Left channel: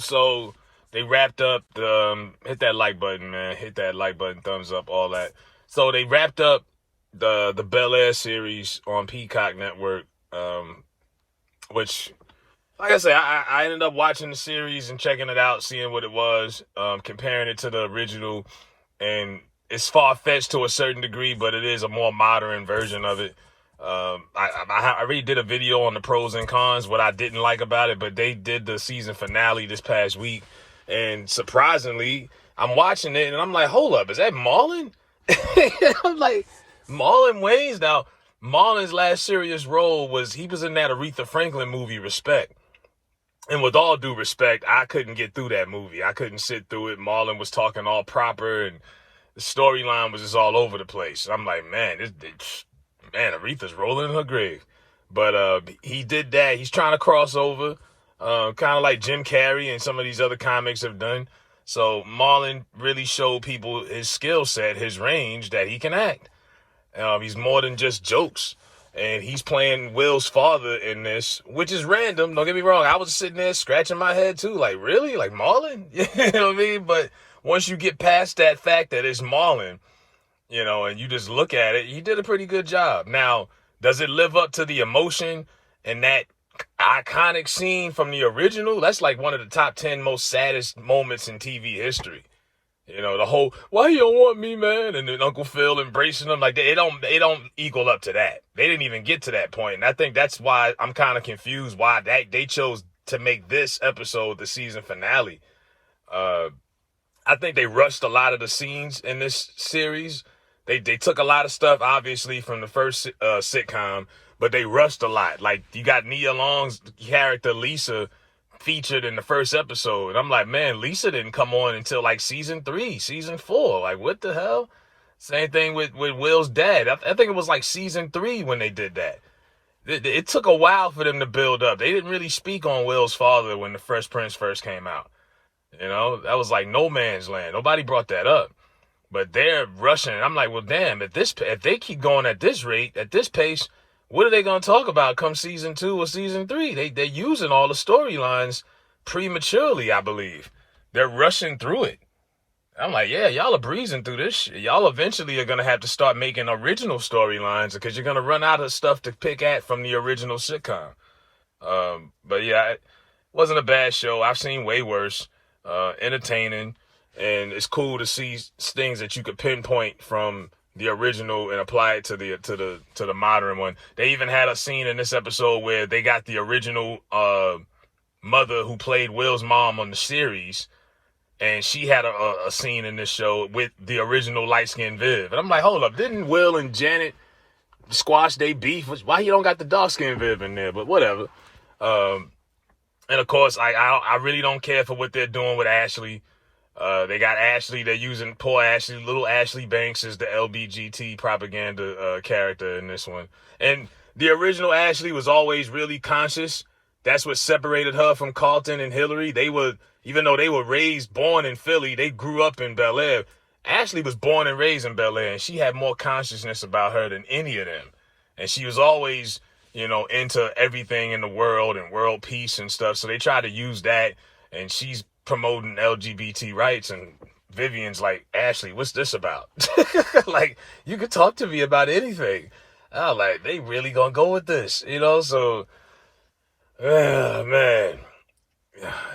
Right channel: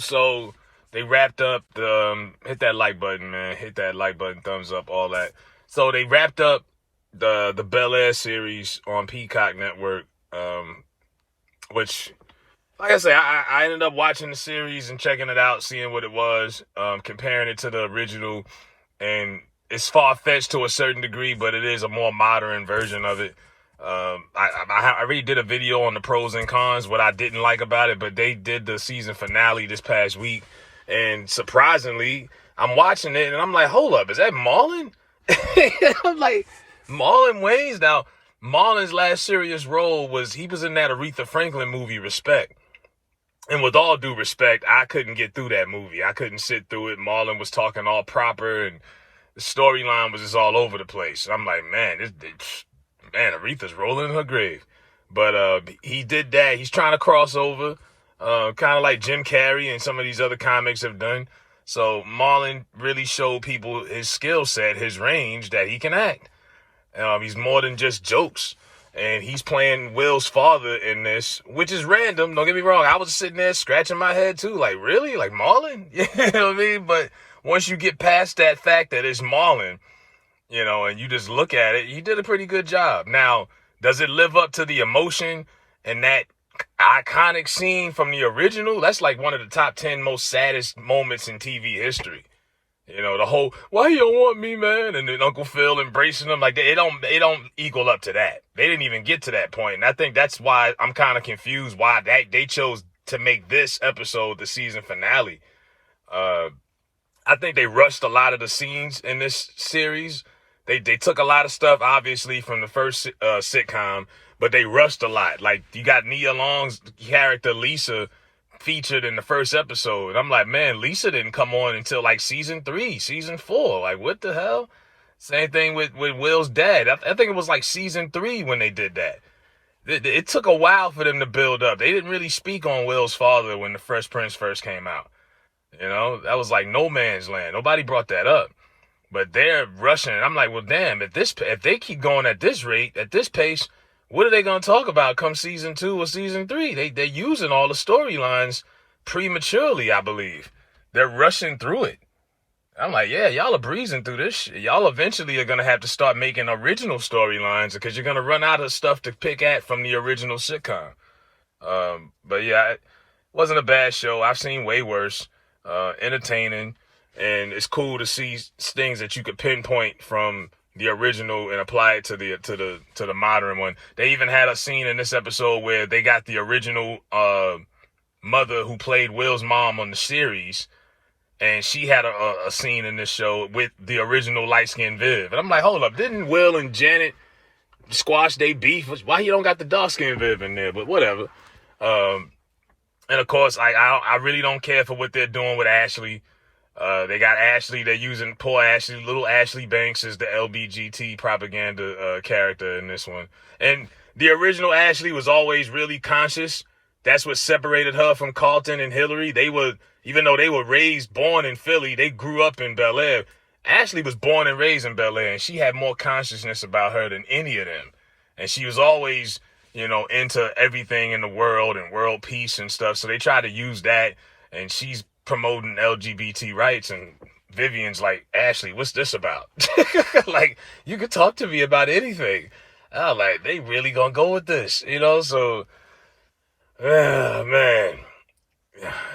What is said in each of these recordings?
So they wrapped up the hit that like button, man. Hit that like button, thumbs up, all that. So they wrapped up the Bel Air series on Peacock Network, which, like I said, I ended up watching the series and checking it out, seeing what it was, comparing it to the original, and it's far-fetched to a certain degree, but it is a more modern version of it. I already did a video on the pros and cons, what I didn't like about it, but they did the season finale this past week, and surprisingly, I'm watching it, and I'm like, hold up, is that Marlon? I'm like, Marlon Wayans? Now, Marlon's last serious role was, he was in that Aretha Franklin movie, Respect. And with all due respect, I couldn't get through that movie. I couldn't sit through it. Marlon was talking all proper, and the storyline was just all over the place. I'm like, man, Aretha's rolling in her grave. But he did that. He's trying to cross over, kind of like Jim Carrey and some of these other comics have done. So Marlon really showed people his skill set, his range, that he can act. He's more than just jokes. And he's playing Will's father in this, which is random. Don't get me wrong. I was sitting there scratching my head too. Like, really? Like Marlon? You know what I mean? But once you get past that fact that it's Marlon, and you just look at it, he did a pretty good job. Now, does it live up to the emotion and that iconic scene from the original? That's like one of the top 10 most saddest moments in TV history. The whole, why you don't want me, man? And then Uncle Phil embracing them, like they don't equal up to that. They didn't even get to that point. And I think that's why I'm kind of confused why they chose to make this episode the season finale. I think they rushed a lot of the scenes in this series. They took a lot of stuff, obviously, from the first sitcom, but they rushed a lot. Like, you got Nia Long's character, Lisa, featured in the first episode. And I'm like, man, Lisa didn't come on until like season 3, season 4. Like, what the hell? Same thing with Will's dad. I think it was like season 3 when they did that. It took a while for them to build up. They didn't really speak on Will's father when the Fresh Prince first came out. That was like no man's land. Nobody brought that up. But they're rushing. I'm like, well, damn, if they keep going at this rate, at this pace, what are they going to talk about come season 2 or season 3? They're using all the storylines prematurely, I believe. They're rushing through it. I'm like, yeah, y'all are breezing through this shit. Y'all eventually are going to have to start making original storylines because you're going to run out of stuff to pick at from the original sitcom. But yeah, it wasn't a bad show. I've seen way worse. Entertaining. And it's cool to see things that you could pinpoint from the original and apply it to the modern one. They even had a scene in this episode where they got the original mother who played Will's mom on the series, and she had a scene in this show with the original light-skinned Viv. And I'm like, hold up, didn't Will and Janet squash their beef? Why you don't got the dark-skinned Viv in there? But whatever. And of course, I really don't care for what they're doing with Ashley. They got Ashley. They're using poor Ashley, little Ashley Banks as the LBGT propaganda character in this one. And the original Ashley was always really conscious. That's what separated her from Carlton and Hillary. Even though they were born in Philly, they grew up in Bel Air. Ashley was born and raised in Bel Air, and she had more consciousness about her than any of them. And she was always, into everything in the world and world peace and stuff. So they tried to use that, and she's promoting LGBT rights, and Vivian's like, Ashley, what's this about? Like, you could talk to me about anything. I'm like, they really gonna go with this, so man,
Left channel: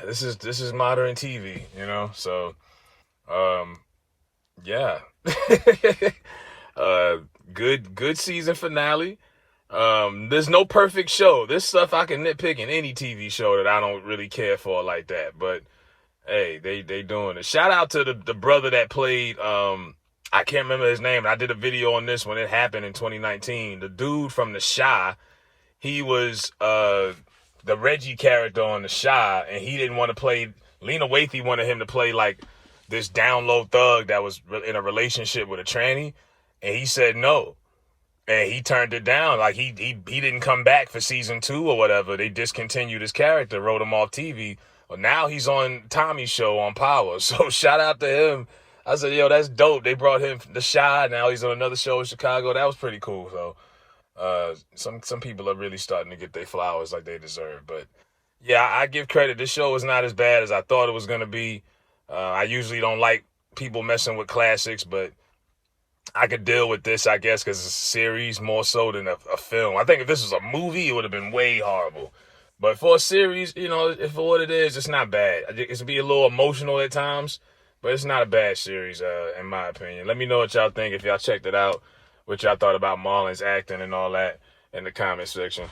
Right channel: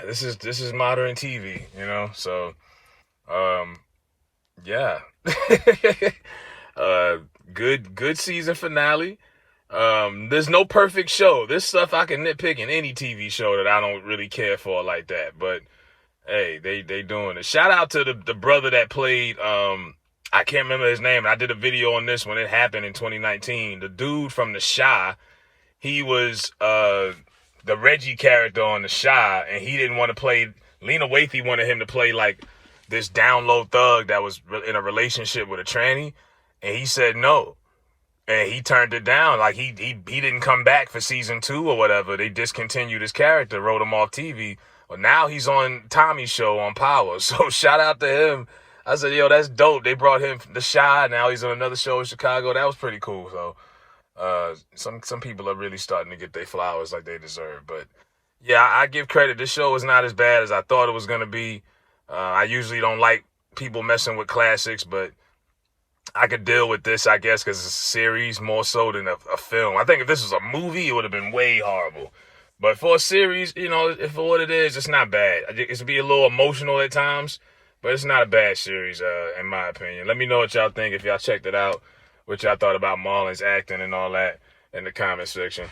this is modern TV, so yeah. Good season finale. There's no perfect show. This stuff I can nitpick in any TV show that I don't really care for like that, but hey, they doing it. Shout out to the brother that played, I can't remember his name. I did a video on this when it happened in 2019. The dude from The Chi, he was the Reggie character on The Chi, and he didn't want to play, Lena Waithe wanted him to play like this down low thug that was in a relationship with a tranny, and he said no. And he turned it down. Like, he didn't come back for season 2 or whatever. They discontinued his character, wrote him off TV. Well, now he's on Tommy's show on Power. So shout out to him. I said, yo, that's dope. They brought him from The Chi. Now he's on another show in Chicago. That was pretty cool. So some people are really starting to get their flowers like they deserve. But Yeah, I give credit. This show is not as bad as I thought it was gonna be. I usually don't like people messing with classics, but I could deal with this, I guess, because it's a series more so than a film. I think if this was a movie, it would have been way horrible. But for a series, if for what it is, it's not bad. It's be a little emotional at times, but it's not a bad series, in my opinion. Let me know what y'all think if y'all checked it out, what y'all thought about Marlon's acting and all that in the comment section.